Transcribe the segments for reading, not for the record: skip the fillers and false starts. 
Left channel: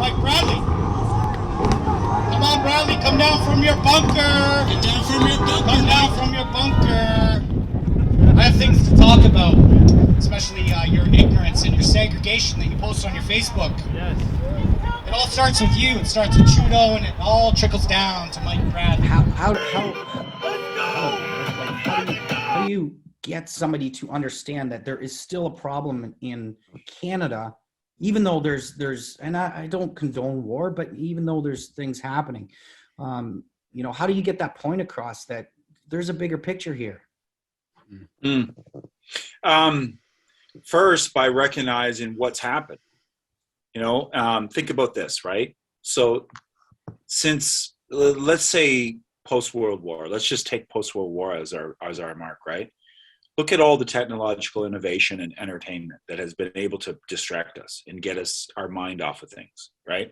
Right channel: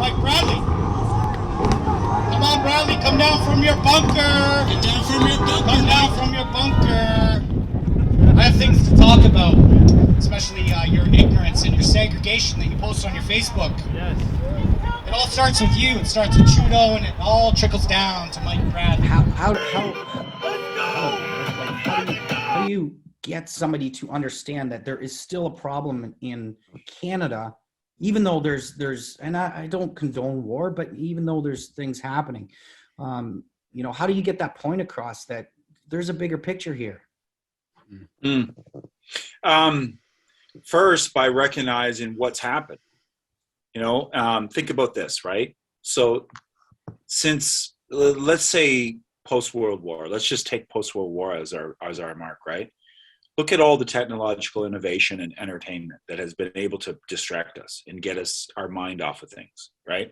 Mike Bradley. Come on, Bradley, come down from your bunker. Get down from your bunker. Come down from your bunker. I have things to talk about, especially your ignorance and your segregation that you post on your Facebook. Yes. It all starts with you. It starts with Trudeau, and it all trickles down to Mike Bradley. How do you get somebody to understand that there is still a problem in Canada, even though there's and I don't condone war, but even though there's things happening, how do you get that point across that there's a bigger picture here? First, by recognizing what's happened. Think about this, right? So since, let's say, post-World War, let's just take post-World War as our mark, right? Look at all the technological innovation and entertainment that has been able to distract us and get our mind off of things, right?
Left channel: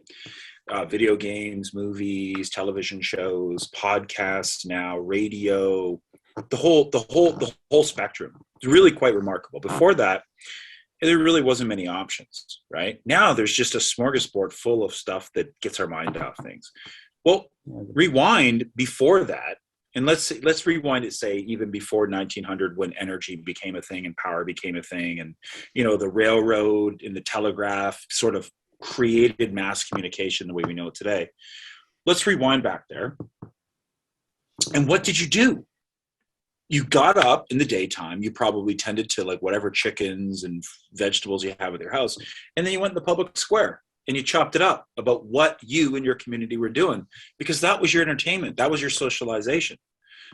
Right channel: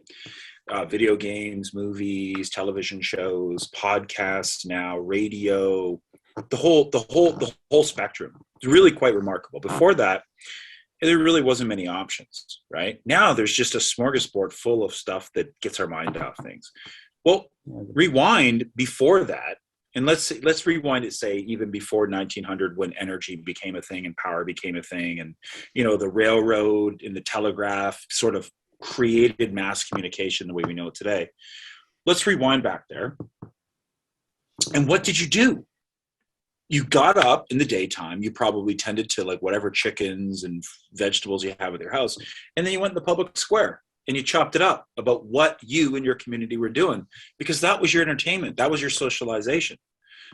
Video games, movies, television shows, podcasts now, radio, the whole spectrum. It's really quite remarkable. Before that, there really wasn't many options, right? Now there's just a smorgasbord full of stuff that gets our mind off things. Well, rewind before that, and let's rewind it, say, even before 1900, when energy became a thing and power became a thing, and the railroad and the telegraph sort of created mass communication the way we know it today. Let's rewind back there. And what did you do? You got up in the daytime, you probably tended to whatever chickens and vegetables you have at your house, and then you went in the public square and you chopped it up about what you and your community were doing, because that was your entertainment, that was your socialization.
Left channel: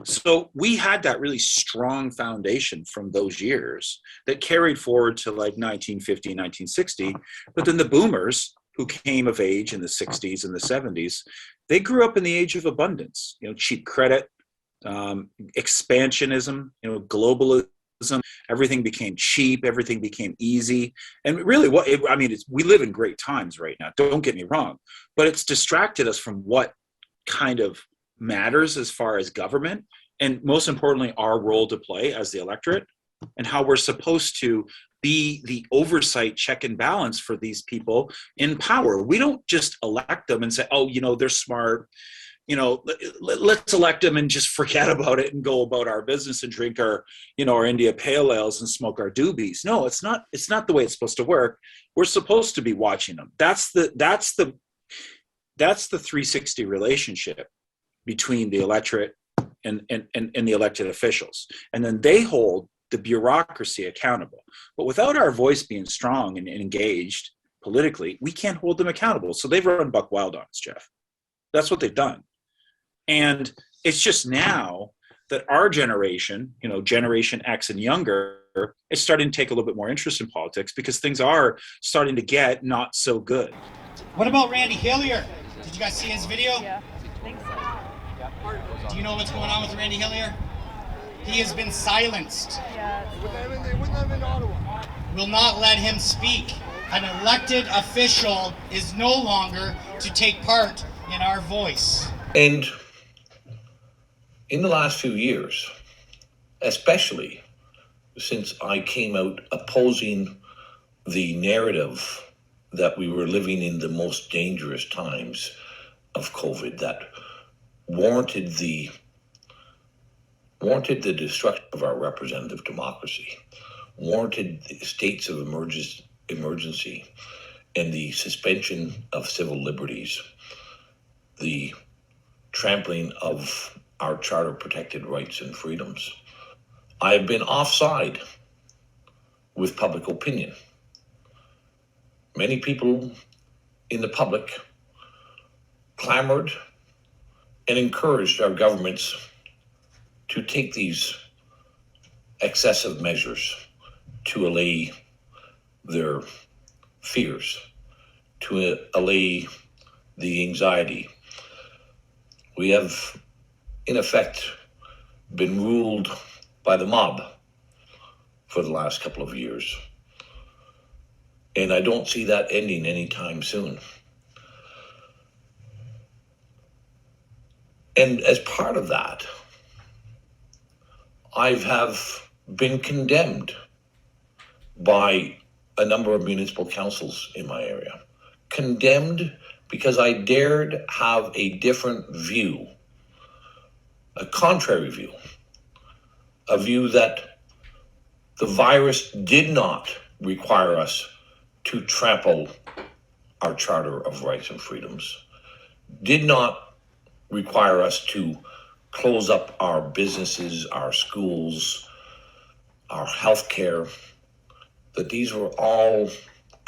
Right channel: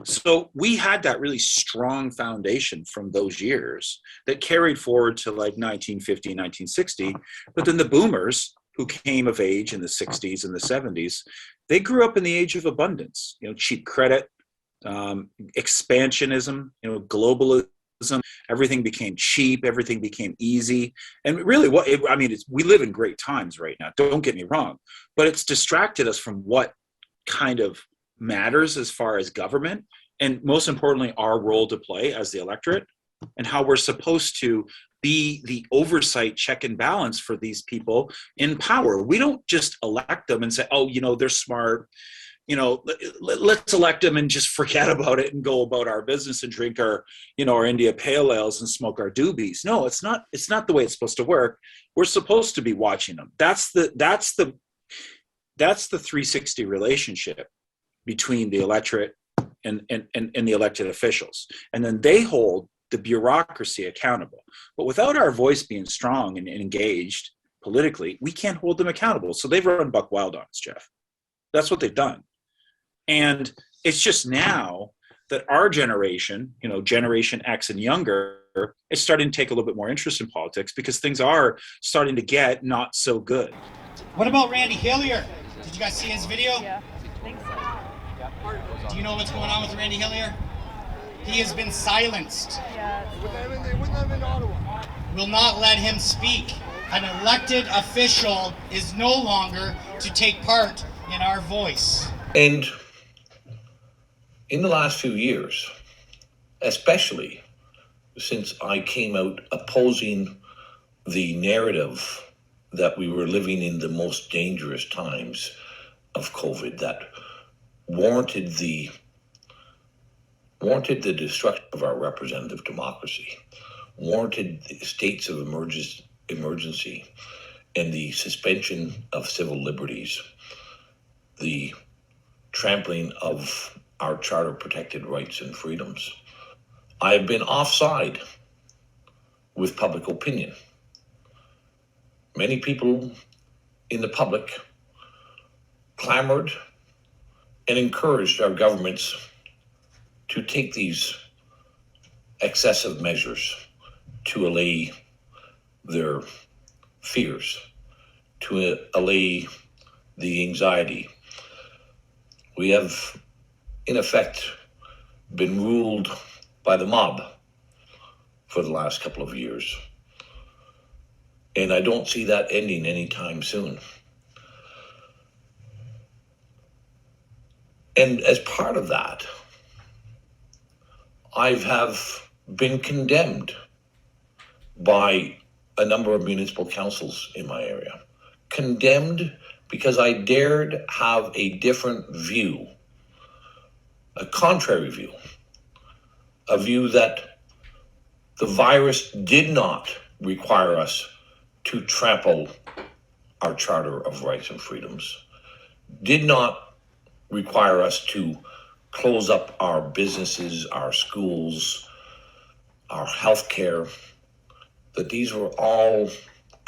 So we had that really strong foundation from those years that carried forward to 1950, 1960, but then the boomers who came of age in the 60s and the 70s, they grew up in the age of abundance, cheap credit, expansionism, globalism, everything became cheap, everything became easy. And really we live in great times right now, don't get me wrong, but it's distracted us from what kind of matters as far as government, and most importantly, our role to play as the electorate, and how we're supposed to be the oversight, check and balance for these people in power. We don't just elect them and say, oh, they're smart, let's elect them and just forget about it and go about our business and drink our India Pale Ales and smoke our doobies. No, it's not the way it's supposed to work. We're supposed to be watching them. That's the 360 relationship between the electorate and the elected officials. And then they hold the bureaucracy accountable. But without our voice being strong and engaged politically, we can't hold them accountable. So they've run buck wild on us, Jeff. That's what they've done. And it's just now that our generation, Generation X and younger, is starting to take a little bit more interest in politics, because things are starting to get not so good. What about Randy Hillier? Did you guys see his video? Yeah, I think so. Do you know what's going on with Randy Hillier? He has been silenced. Yeah. They wouldn't have in Ottawa. Will not let him speak. An elected official is no longer to take part in our voice. And in the last few years, especially since I came out opposing the narrative that we were living in the most dangerous times of COVID, that warranted the destruction of our representative democracy, warranted the states of emergency, and the suspension of civil liberties, the trampling of our charter-protected rights and freedoms. I have been offside with public opinion. Many people in the public clamored and encouraged our governments to take these excessive measures to allay their fears, to allay the anxiety. We have, in effect, been ruled by the mob for the last couple of years. And I don't see that ending anytime soon. And as part of that, I have been condemned by a number of municipal councils in my area, condemned because I dared have a different view, a contrary view, a view that the virus did not require us to trample our Charter of Rights and Freedoms, did not require us to close up our businesses, our schools, our healthcare, that these were all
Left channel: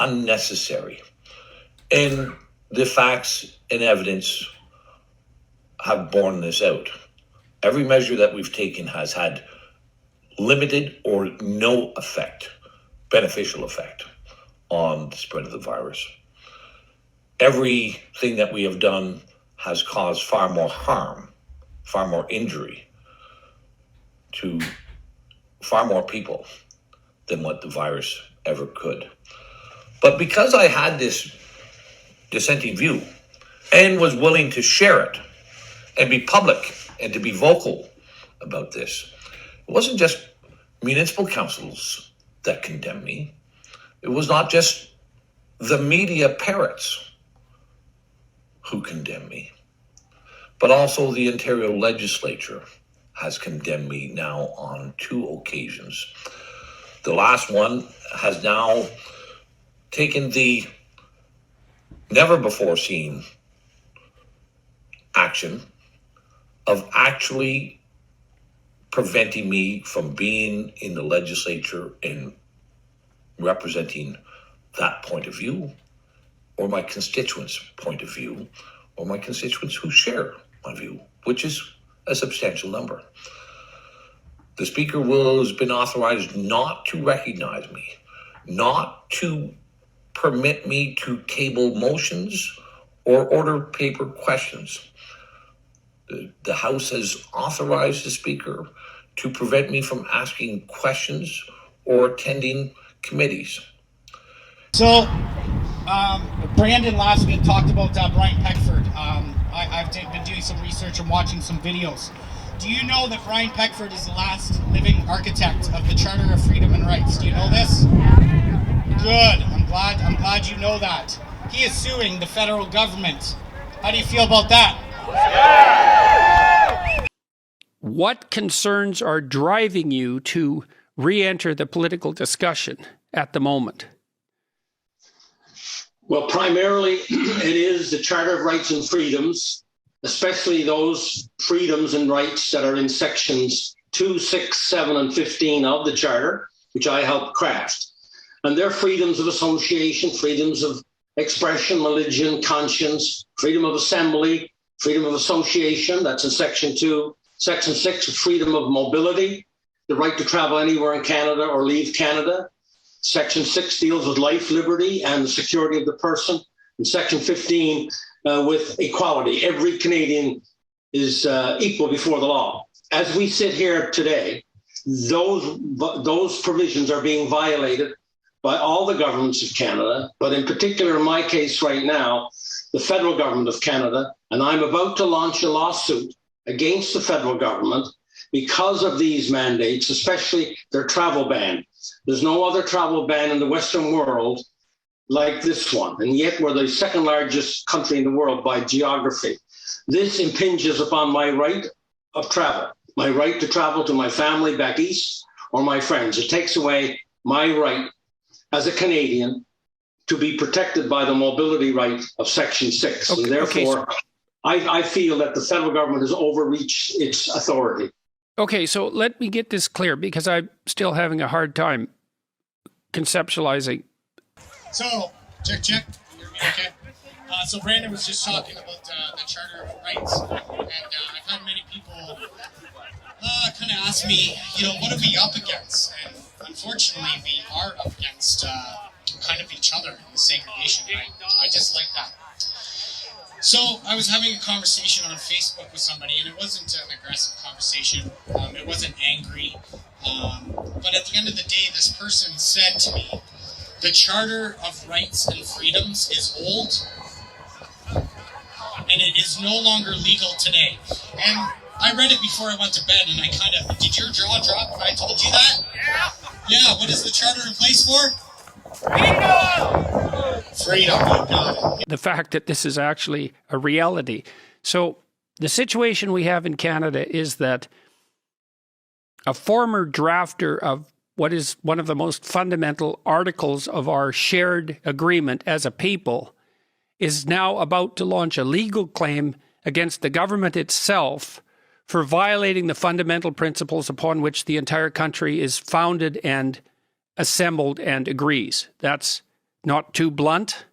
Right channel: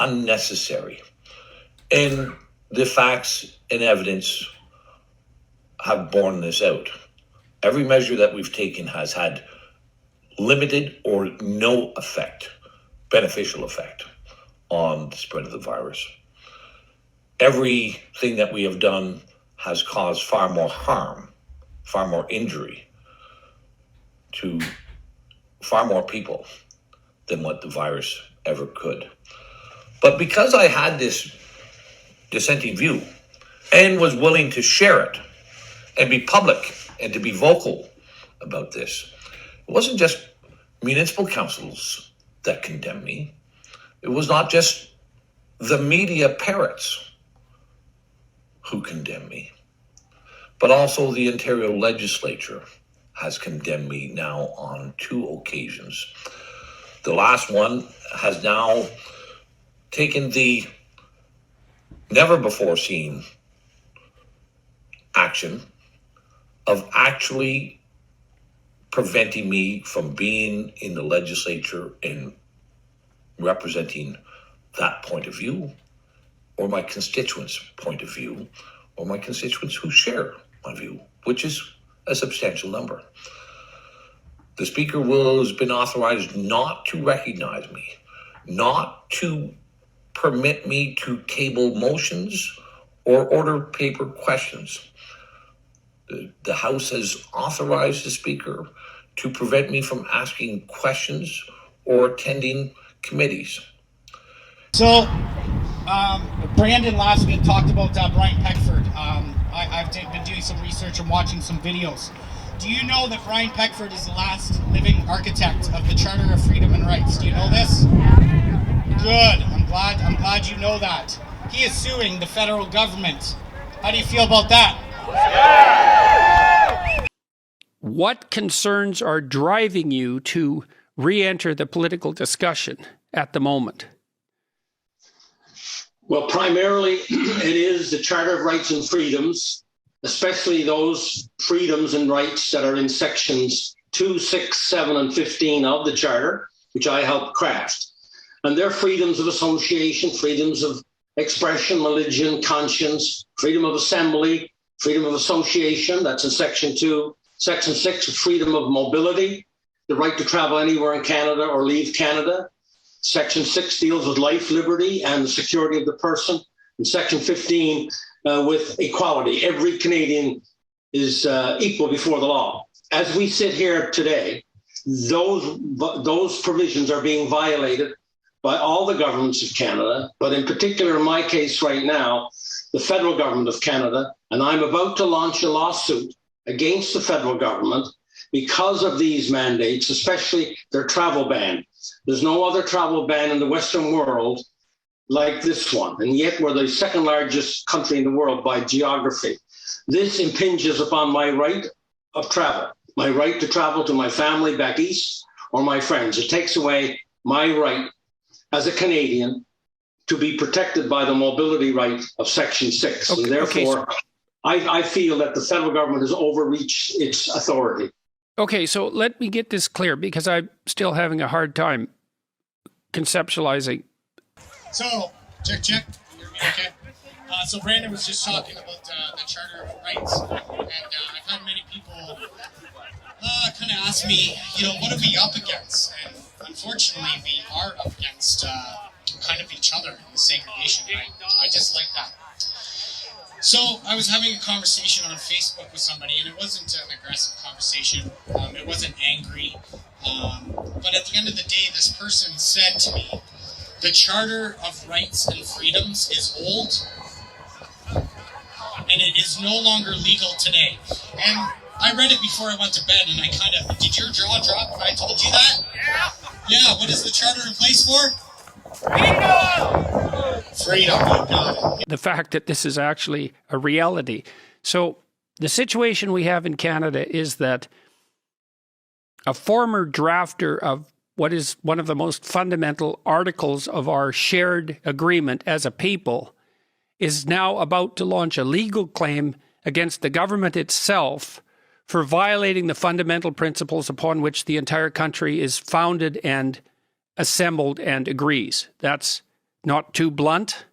unnecessary. And the facts and evidence have borne this out. Every measure that we've taken has had limited or no effect, beneficial effect on the spread of the virus. Everything that we have done has caused far more harm, far more injury to far more people than what the virus ever could. But because I had this dissenting view and was willing to share it and be public and to be vocal about this, it wasn't just municipal councils that condemned me. It was not just the media parrots who condemned me, but also the Ontario legislature has condemned me now on 2 occasions. The last one has now taken the never before seen action of actually preventing me from being in the legislature and representing that point of view, or my constituents' point of view, or my constituents who share my view, which is a substantial number. The Speaker has been authorized not to recognize me, not to permit me to table motions or order paper questions. The House has authorized the Speaker to prevent me from asking questions or attending committees. So, Brandon last week talked about Brian Peckford. I've been doing some research and watching some videos. Do you know that Brian Peckford is the last living architect of the Charter of Freedom and Rights? Do you know this? Good. I'm glad you know that. He is suing the federal government. How do you feel about that? What concerns are driving you to re-enter the political discussion at the moment? Well, primarily it is the Charter of Rights and Freedoms, especially those freedoms and rights that are in sections 2, 6, 7, and 15 of the Charter, which I helped craft. And they're freedoms of association, freedoms of expression, religion, conscience, freedom of assembly, freedom of association, that's in section 2. Section 6, freedom of mobility, the right to travel anywhere in Canada or leave Canada. Section 6 deals with life, liberty, and the security of the person. And Section 15 with equality. Every Canadian is equal before the law. As we sit here today, those provisions are being violated by all the governments of Canada, but in particular, in my case right now, the federal government of Canada, and I'm about to launch a lawsuit against the federal government because of these mandates, especially their travel ban. There's no other travel ban in the Western world like this one, and yet we're the second largest country in the world by geography. This impinges upon my right of travel, my right to travel to my family back east or my friends. It takes away my right as a Canadian to be protected by the mobility right of Section 6. Okay, and therefore, okay, I feel that the federal government has overreached its authority. Okay, so let me get this clear because I'm still having a hard time conceptualizing. So, check. You're okay? So Brandon was just talking about the Charter of Rights, and I've had many people kind of ask me, what are we up against? And unfortunately, we are up against kind of each other in the segregation right. I just like that. So I was having a conversation on Facebook with somebody, and it wasn't an aggressive conversation. It wasn't angry. But at the end of the day, this person said to me, the Charter of Rights and Freedoms is old, and it is no longer legal today. And I read it before I went to bed, and I kind of, did your jaw drop when I told you that? Yeah. Yeah, what is the Charter in place for? Freedom! Freedom, you got it. The fact that this is actually a reality. So the situation we have in Canada is that a former drafter of what is one of the most fundamental articles of our shared agreement as a people is now about to launch a legal claim against the government itself for violating the fundamental principles upon which the entire country is founded and assembled and agrees. That's not too blunt?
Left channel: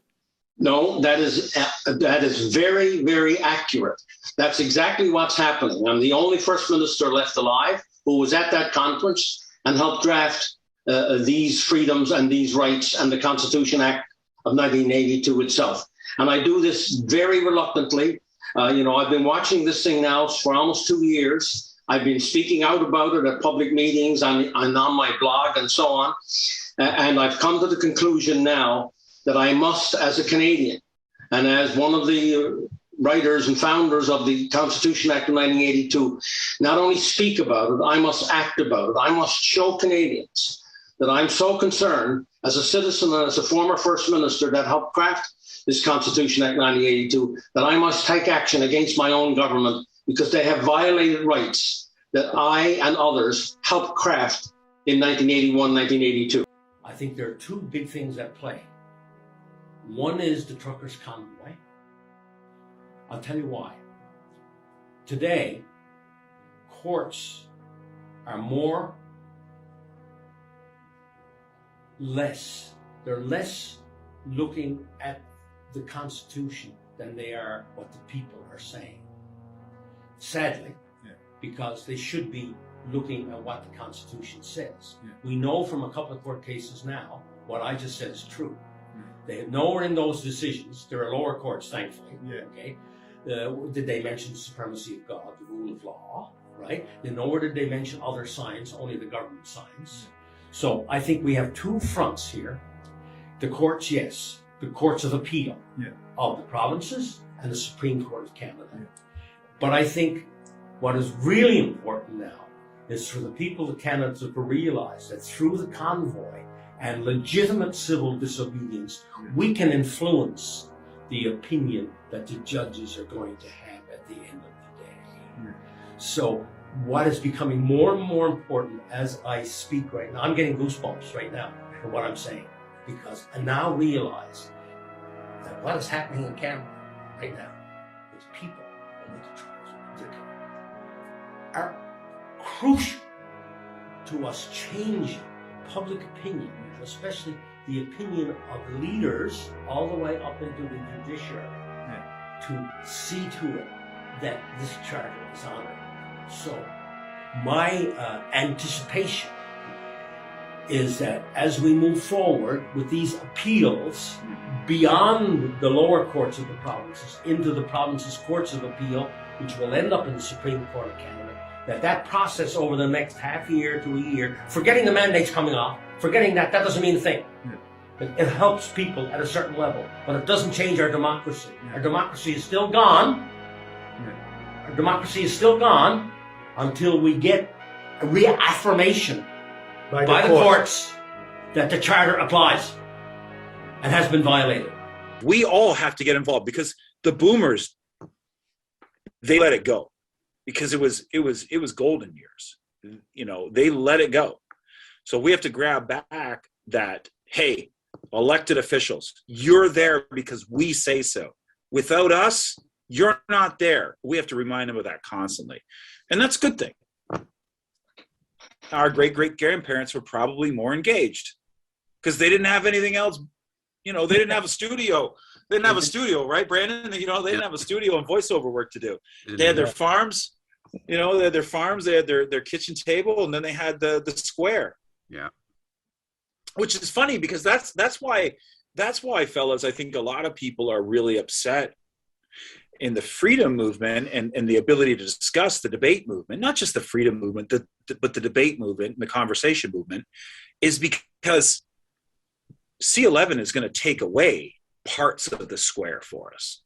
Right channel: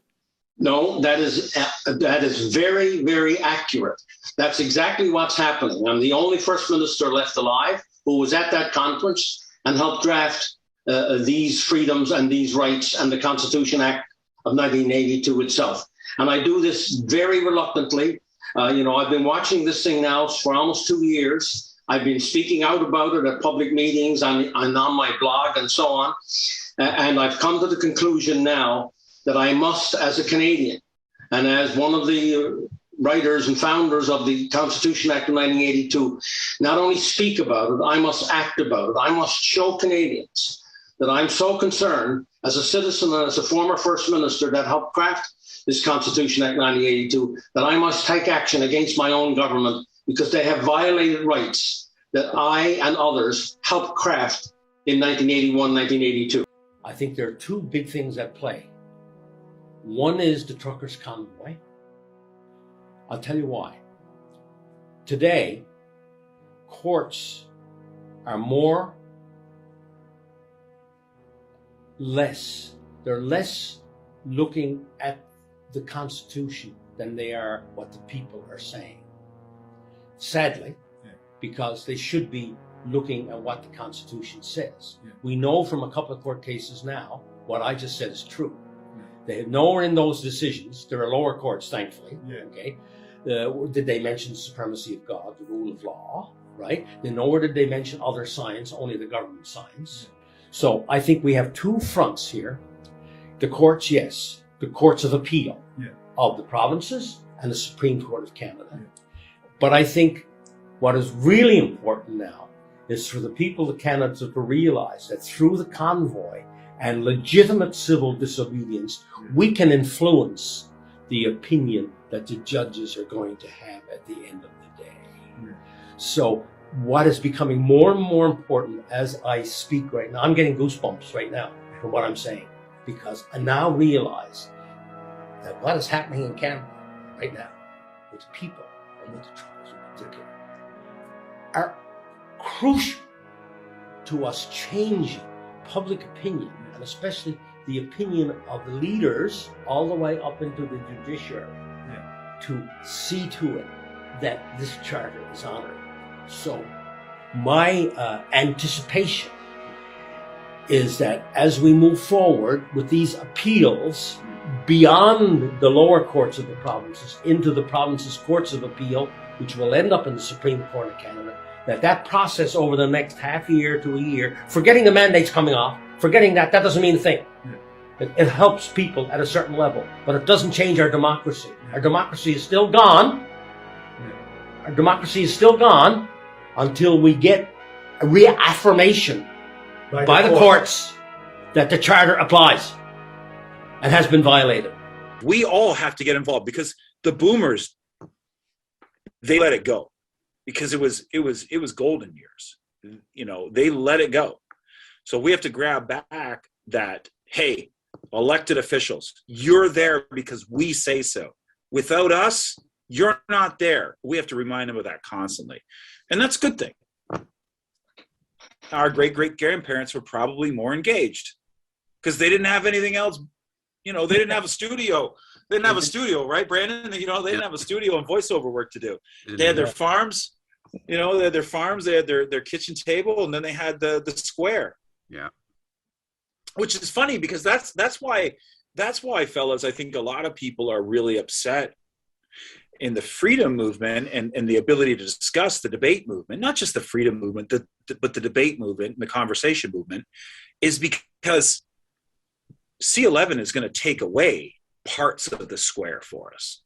No, that is very, very accurate. That's exactly what's happening. I'm the only First Minister left alive who was at that conference and helped draft these freedoms and these rights and the Constitution Act of 1982 itself. And I do this very reluctantly. I've been watching this thing now for almost 2 years. I've been speaking out about it at public meetings and on my blog and so on. And I've come to the conclusion now that I must, as a Canadian, and as one of the writers and founders of the Constitution Act of 1982, not only speak about it, I must act about it. I must show Canadians that I'm so concerned as a citizen and as a former First Minister that helped craft this Constitution Act 1982, that I must take action against my own government because they have violated rights that I and others helped craft in 1981, 1982. I think there are two big things at play. One is the truckers' convoy. I'll tell you why. Today, courts are they're less looking at the Constitution than they are what the people are saying. Sadly, because they should be looking at what the Constitution says. We know from a couple of court cases now, what I just said is true. They have nowhere in those decisions, there are lower courts, thankfully, okay? Did they mention the supremacy of God, the rule of law, right? Then nowhere did they mention other science, only the government science. So I think we have two fronts here. The courts, yes, the courts of appeal of the provinces and the Supreme Court of Canada. But I think what is really important now is for the people of Canada to realize that through the convoy and legitimate civil disobedience, we can influence the opinion that the judges are going to have at the end of the day. So what is becoming more and more important as I speak right now, I'm getting goosebumps right now from what I'm saying, because I now realize that what is happening in Canada right now with people and with the trials in particular are crucial to us changing public opinion, and especially the opinion of the leaders all the way up into the judiciary, to see to it that this charter is honored. So my anticipation is that as we move forward with these appeals beyond the lower courts of the provinces into the provinces' courts of appeal, which will end up in the Supreme Court of Canada, that process over the next half year to a year, forgetting the mandates coming off, forgetting that doesn't mean a thing. It helps people at a certain level, but it doesn't change our democracy. Our democracy is still gone. Our democracy is still gone until we get a reaffirmation by the courts that the charter applies and has been violated. We all have to get involved because the boomers, they let it go because it was golden years. They let it go. So we have to grab back that, hey, elected officials, you're there because we say so. Without us, you're not there. We have to remind them of that constantly. And that's a good thing. Our great-great-grandparents were probably more engaged because they didn't have anything else. They didn't have a studio. They didn't have a studio, right, Brandon? They didn't have a studio and voiceover work to do. They had their farms. They had their farms. They had their kitchen table, and then they had the square. Yeah. Which is funny because that's why, fellas, I think a lot of people are really upset in the freedom movement and the ability to discuss the debate movement, not just the freedom movement, but the debate movement and the conversation movement, is because C11 is going to take away parts of the square for us.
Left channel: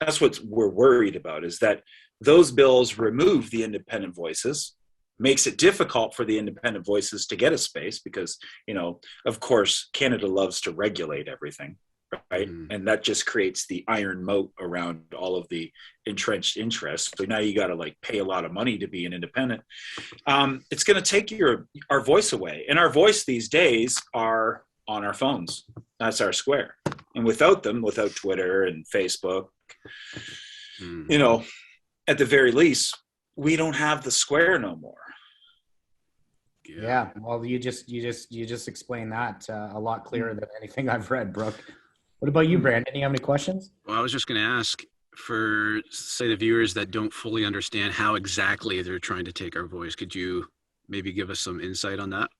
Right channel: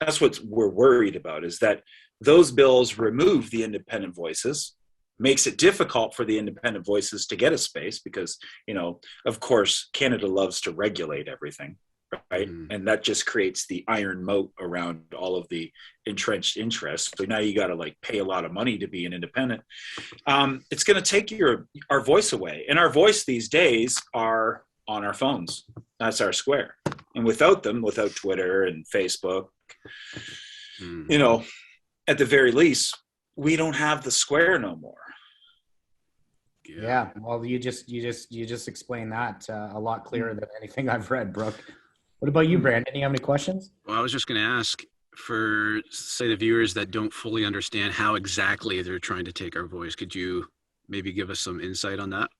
That's what we're worried about, is that those bills remove the independent voices, makes it difficult for the independent voices to get a space because, of course, Canada loves to regulate everything. right? And that just creates the iron moat around all of the entrenched interests. So now you got to like pay a lot of money to be an independent. It's going to take our voice away, and our voice these days are on our phones. That's our square. And without them, without Twitter and Facebook, you know, at the very least, we don't have the square no more. Yeah. Well, you just explained that a lot clearer than anything I've read, Brooke. What about you, Brandon? You have any questions? Well, I was just going to ask for, say, the viewers that don't fully understand how exactly they're trying to take our voice. Could you maybe give us some insight on that?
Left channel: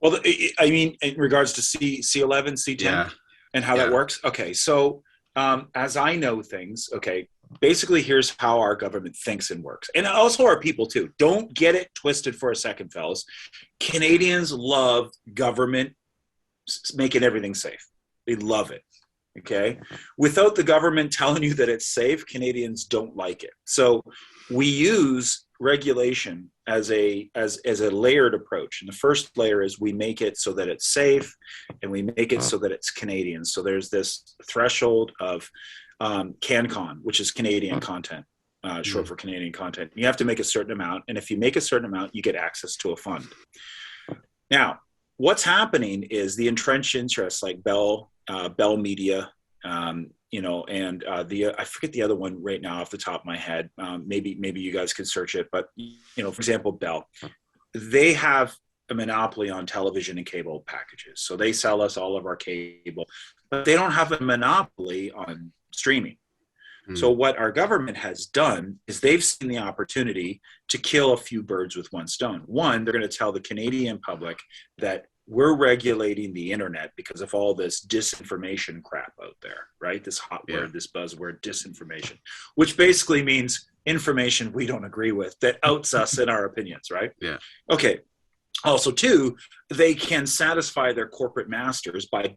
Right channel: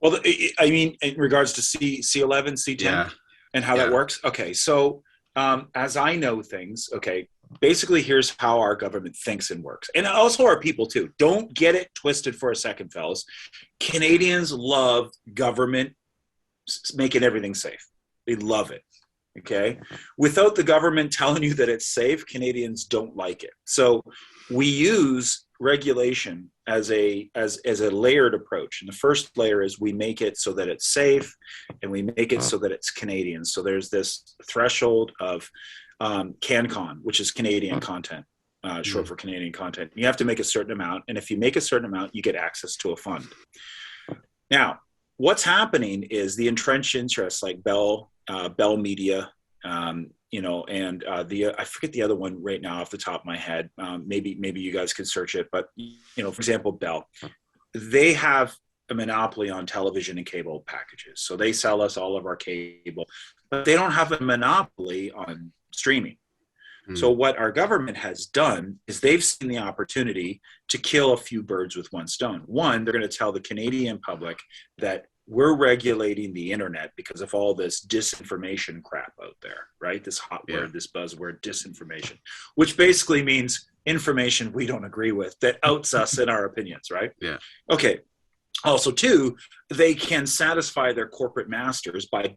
Well, I mean, in regards to C11, C10, and how that works. Okay, so as I know things, okay, basically here's how our government thinks and works. And also our people too. Don't get it twisted for a second, fellas. Canadians love government making everything safe. They love it. Okay. Without the government telling you that it's safe, Canadians don't like it. So we use regulation as a layered approach. And the first layer is we make it so that it's safe, and we make it so that it's Canadian. So there's this threshold of CanCon, which is Canadian content, short for Canadian content. You have to make a certain amount, and if you make a certain amount, you get access to a fund. Now, what's happening is the entrenched interests like Bell Media, you know, and I forget the other one right now off the top of my head. Maybe you guys can search it, but you know, for example, Bell, they have a monopoly on television and cable packages. So they sell us all of our cable, but they don't have a monopoly on streaming. So what our government has done is they've seen the opportunity to kill a few birds with one stone. One, they're going to tell the Canadian public that we're regulating the internet because of all this disinformation crap out there, right? This hot word, this buzzword, disinformation, which basically means information we don't agree with that outs us in our opinions, right? Yeah. Okay. Also, two, they can satisfy their corporate masters by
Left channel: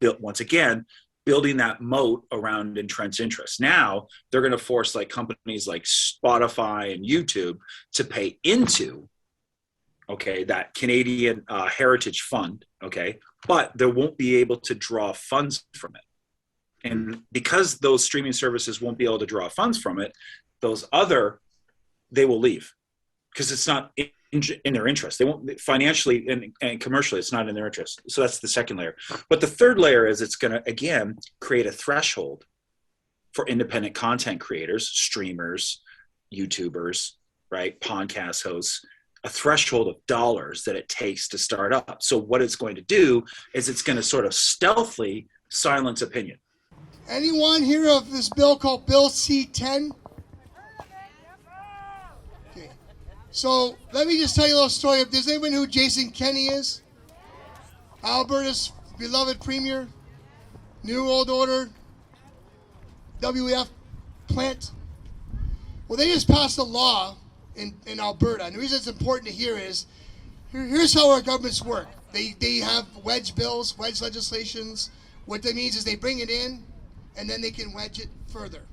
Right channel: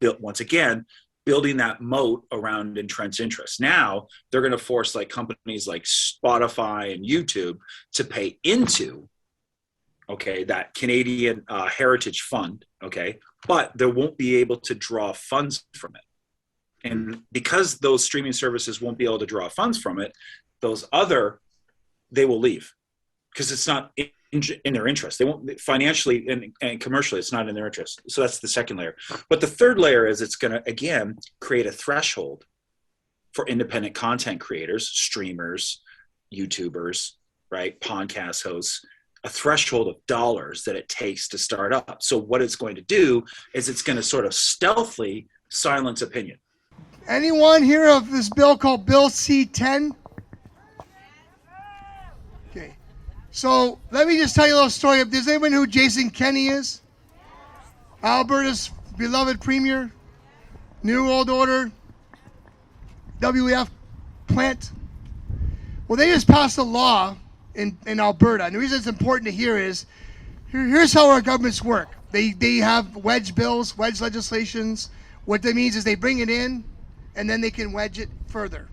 building that moat around entrenched interests. Now they're going to force like companies like Spotify and YouTube to pay into, okay, that Canadian Heritage Fund, okay, but they won't be able to draw funds from it. And because those streaming services won't be able to draw funds from it, they will leave because it's not in their interest. They won't financially and commercially, it's not in their interest. So that's the second layer. But the third layer is it's going to, again, create a threshold for independent content creators, streamers, YouTubers, right, podcast hosts, a threshold of dollars that it takes to start up. So what it's going to do is it's going to sort of stealthily silence opinion. Anyone hear of this bill called Bill C-10? Okay. So let me just tell you a little story. Does anyone know who Jason Kenney is? Alberta's beloved premier, New World Order, WEF plant. Well, they just passed a law in Alberta. And the reason it's important to hear is, here's how our governments work. They have wedge bills, wedge legislations. What that means is they bring it in, and then they can wedge it further.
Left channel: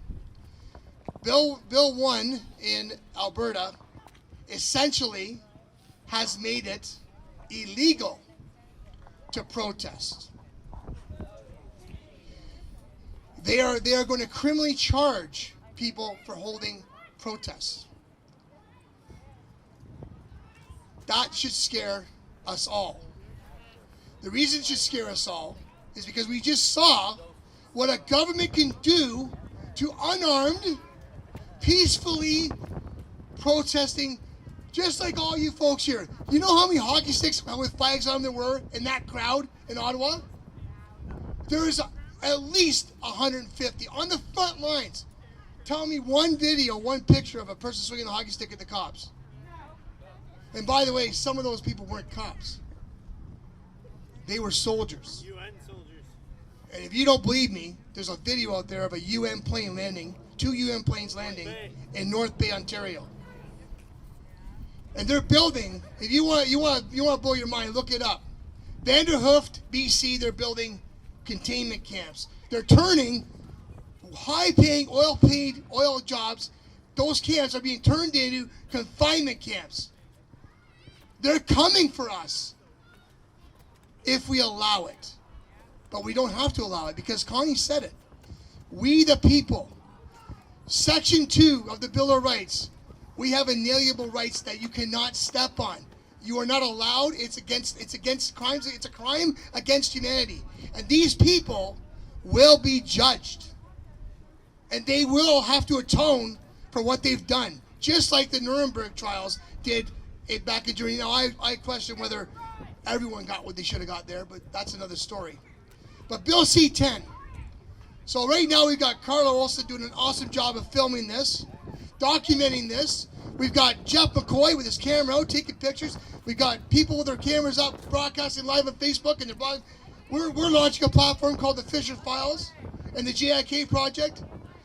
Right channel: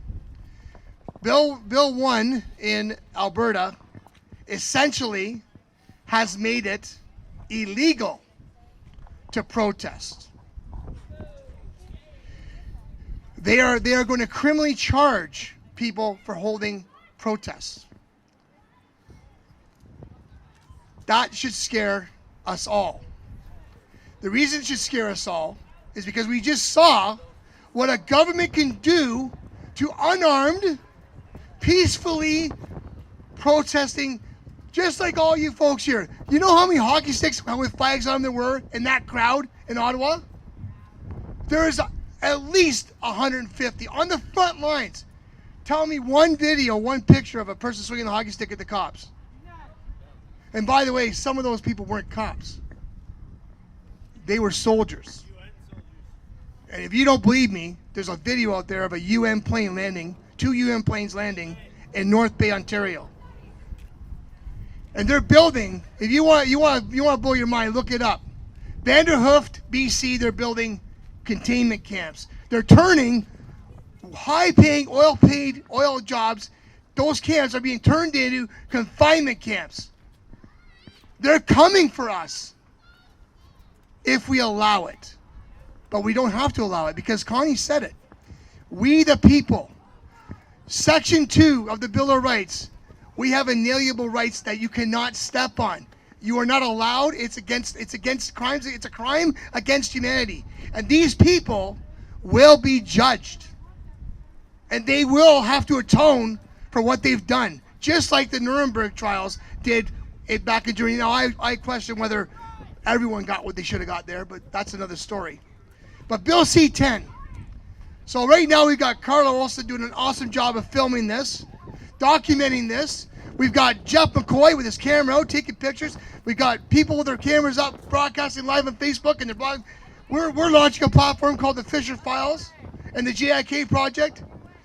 Bill 1 in Alberta essentially has made it illegal to protest. They are going to criminally charge people for holding protests. That should scare us all. The reason it should scare us all is because we just saw what a government can do to unarmed, peacefully protesting, just like all you folks here. You know how many hockey sticks with flags on them there were in that crowd in Ottawa? There's at least 150 on the front lines. Tell me one video, one picture of a person swinging a hockey stick at the cops. And by the way, some of those people weren't cops. They were soldiers. UN soldiers. And if you don't believe me, there's a video out there of a UN plane landing, 2 UN planes landing in North Bay, Ontario. And they're building, if you want to blow your mind, look it up. Vanderhooft, BC, they're building containment camps. They're turning high-paying, oil jobs, those camps are being turned into confinement camps. They're coming for us if we allow it. but we don't have to allow it because Connie said it. We the people, Section 2 of the Bill of Rights, we have inalienable rights that you cannot step on. You are not allowed. It's against crimes. It's a crime against humanity. And these people will be judged. And they will have to atone for what they've done. Just like the Nuremberg trials did it back in Germany. Now, I question whether everyone got what they should have got there, but that's another story. But Bill C-10. So right now we've got Carla Olson doing an awesome job of filming this, documenting this. We've got Jeff McCoy with his camera out, taking pictures. We've got people with their cameras up, broadcasting live on Facebook and their blog. We're launching a platform called the Fisher Files and the JIK Project,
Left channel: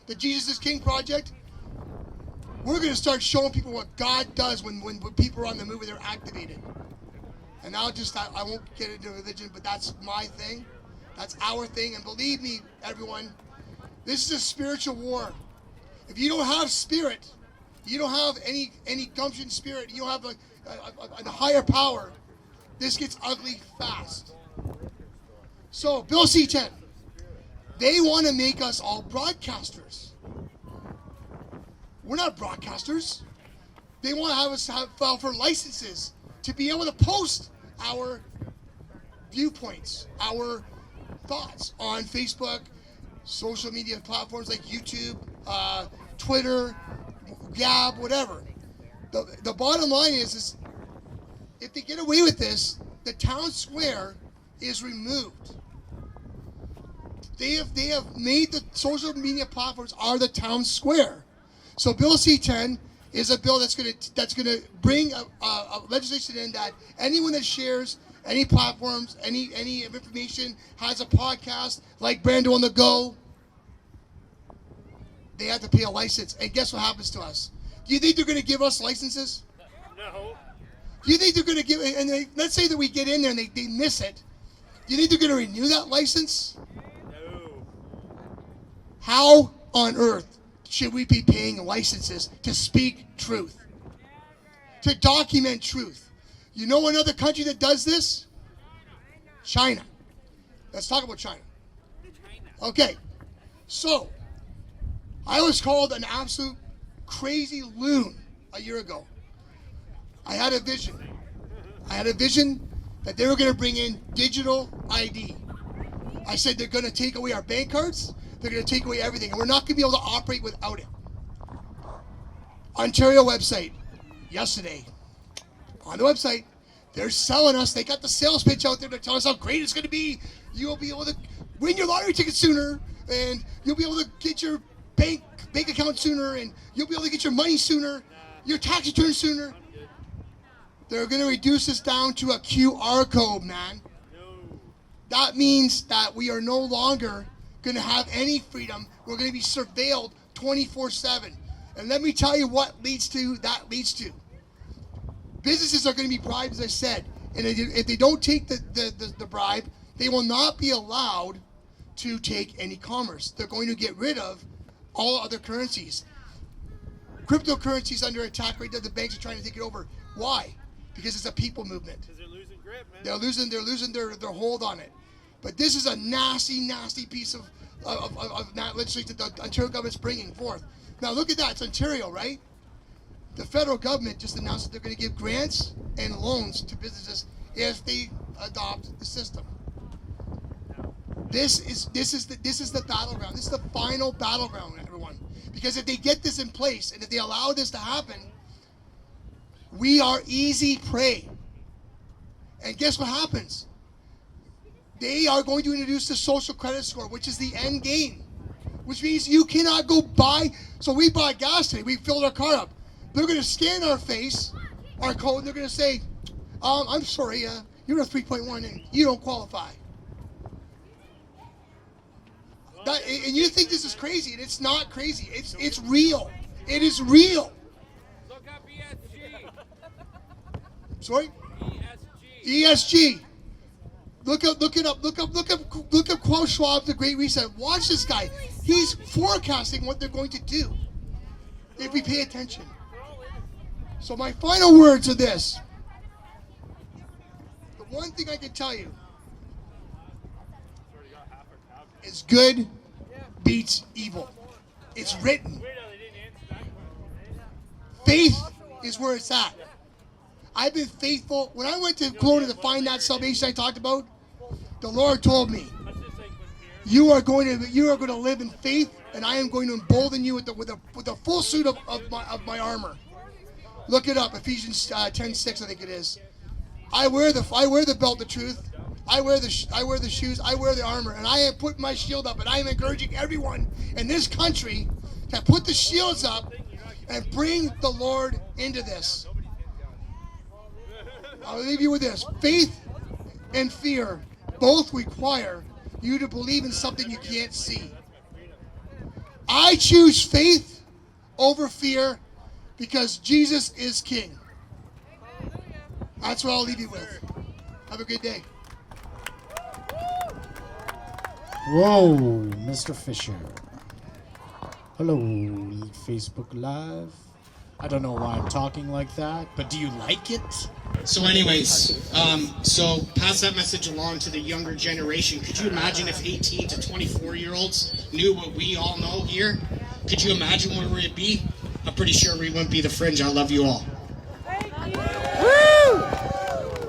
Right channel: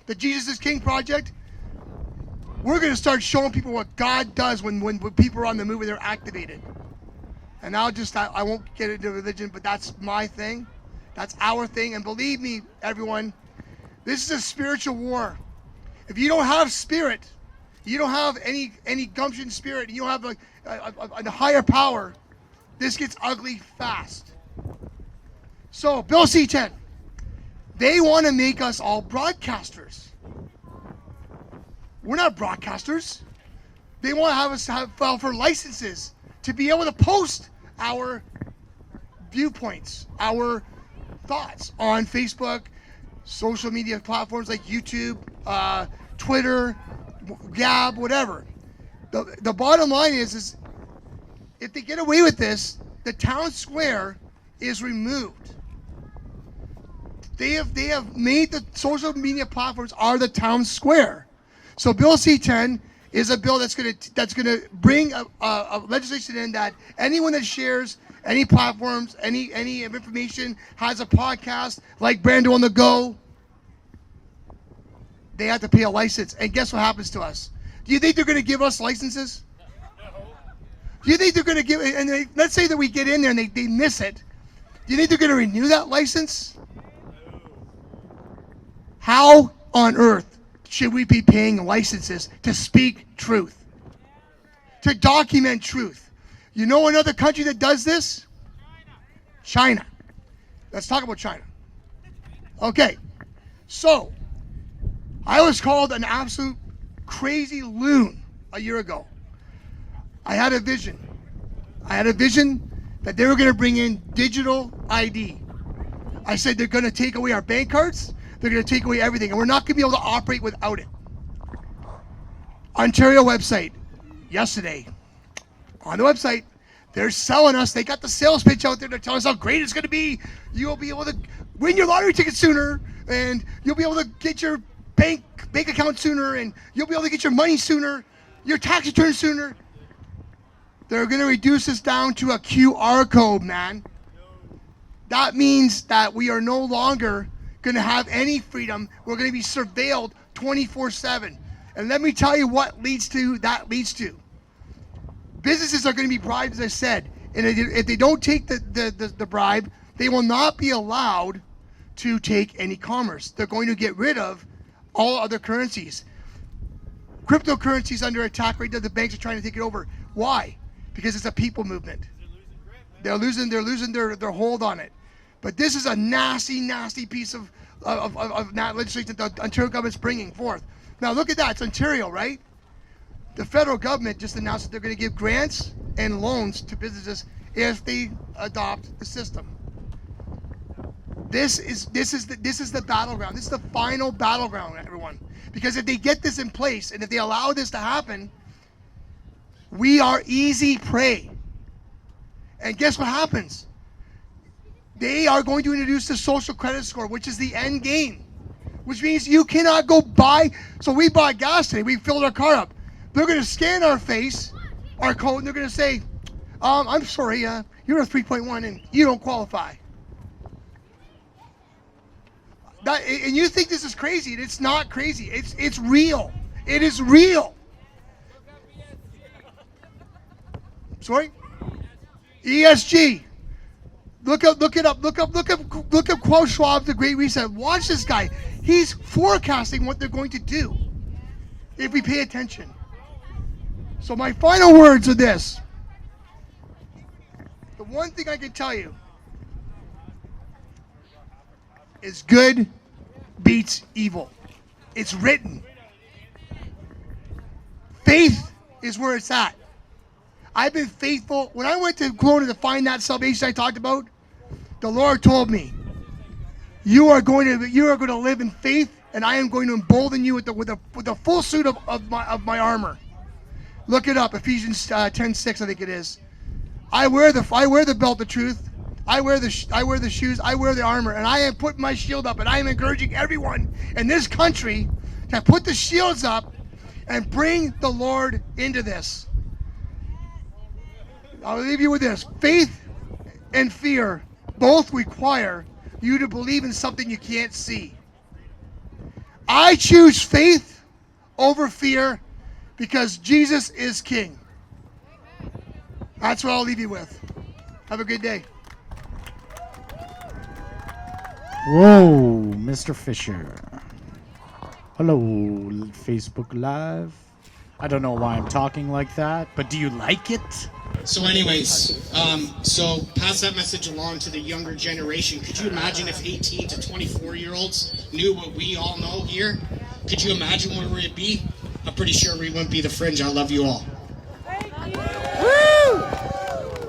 the Jesus is King Project. We're going to start showing people what God does when people are on the move and they're activated. And I won't get into religion, but that's my thing. That's our thing. And believe me, everyone, this is a spiritual war. If you don't have spirit, you don't have any gumption spirit, you don't have a higher power, this gets ugly fast. So, Bill C-10, they want to make us all broadcasters. We're not broadcasters. They want to have us file for licenses to be able to post our viewpoints, our thoughts on Facebook, social media platforms like YouTube, Twitter, Gab, whatever. The bottom line is if they get away with this, the town square is removed. They have made the social media platforms are the town square. So Bill C-10 is a bill that's gonna bring a legislation in that anyone that shares any platforms, any information, has a podcast like Brando on the Go, they have to pay a license. And guess what happens to us? Do you think they're gonna give us licenses? No. Do you think they're gonna give? And let's say that we get in there and they miss it. Do you think they're gonna renew that license? No. How on earth should we be paying licenses to speak truth, to document truth? You know another country that does this? China. Let's talk about China. Okay, so I was called an absolute crazy loon a year ago. I had a vision. I had a vision that they were going to bring in digital ID. I said they're going to take away our bank cards. They're going to take away everything, and we're not going to be able to operate without it. Ontario website, yesterday, on the website, they're selling us. They got the sales pitch out there to tell us how great it's going to be. You'll be able to win your lottery ticket sooner, and you'll be able to get your bank account sooner, and you'll be able to get your money sooner, your tax return sooner. They're going to reduce this down to a QR code, man. That means that we are no longer going to have any freedom. We're going to be surveilled 24/7. And let me tell you what that leads to. Businesses are going to be bribed, as I said. And if they don't take the bribe, they will not be allowed to take any commerce. They're going to get rid of all other currencies. Cryptocurrency is under attack right now. The banks are trying to take it over. Why? Because it's a people movement. Because they're losing grip, man. They're losing their hold on it. But this is a nasty, nasty piece of legislation that the Ontario government's bringing forth. Now look at that. It's Ontario, right? The federal government just announced that they're going to give grants and loans to businesses if they adopt the system. This is the battleground. This is the final battleground, everyone. Because if they get this in place and if they allow this to happen, we are easy prey. And guess what happens? They are going to introduce the social credit score, which is the end game. Which means you cannot go buy. So we bought gas today. We filled our car up. They're going to scan our face, our code, and they're going to say, I'm sorry, you're a 3.1 and you don't qualify. And you think this is crazy. It's not crazy. It's real. It is real. Sorry? ESG. Look it up. Look up Klaus Schwab, the Great Reset. Watch this guy. He's forecasting what they're going to do if we pay attention. So my final words are this. The one thing I can tell you, is good beats evil. It's written. Faith is where it's at. I've been faithful. When I went to Kelowna to find that salvation I talked about, the Lord told me, you are going to live in faith, and I am going to embolden you with a full suit of my armor. Look it up, Ephesians 10:6, I think it is. I wear the belt of truth. I wear the shoes. I wear the armor, and I am putting my shield up, and I am encouraging everyone in this country to put the shields up and bring the Lord into this. I'll leave you with this. Faith and fear both require you to believe in something you can't see. I choose faith over fear because Jesus is King. That's what I'll leave you with. Have a good day. Whoa, Mr. Fisher. Hello, Facebook Live. I don't know why I'm talking like that, but do you like it? So anyways, so pass that message along to the younger generation. Could you imagine if 18 to 24-year-olds knew what we all know here? Could you imagine where we'd be? I'm pretty sure we wouldn't be the Fringe. I love you all.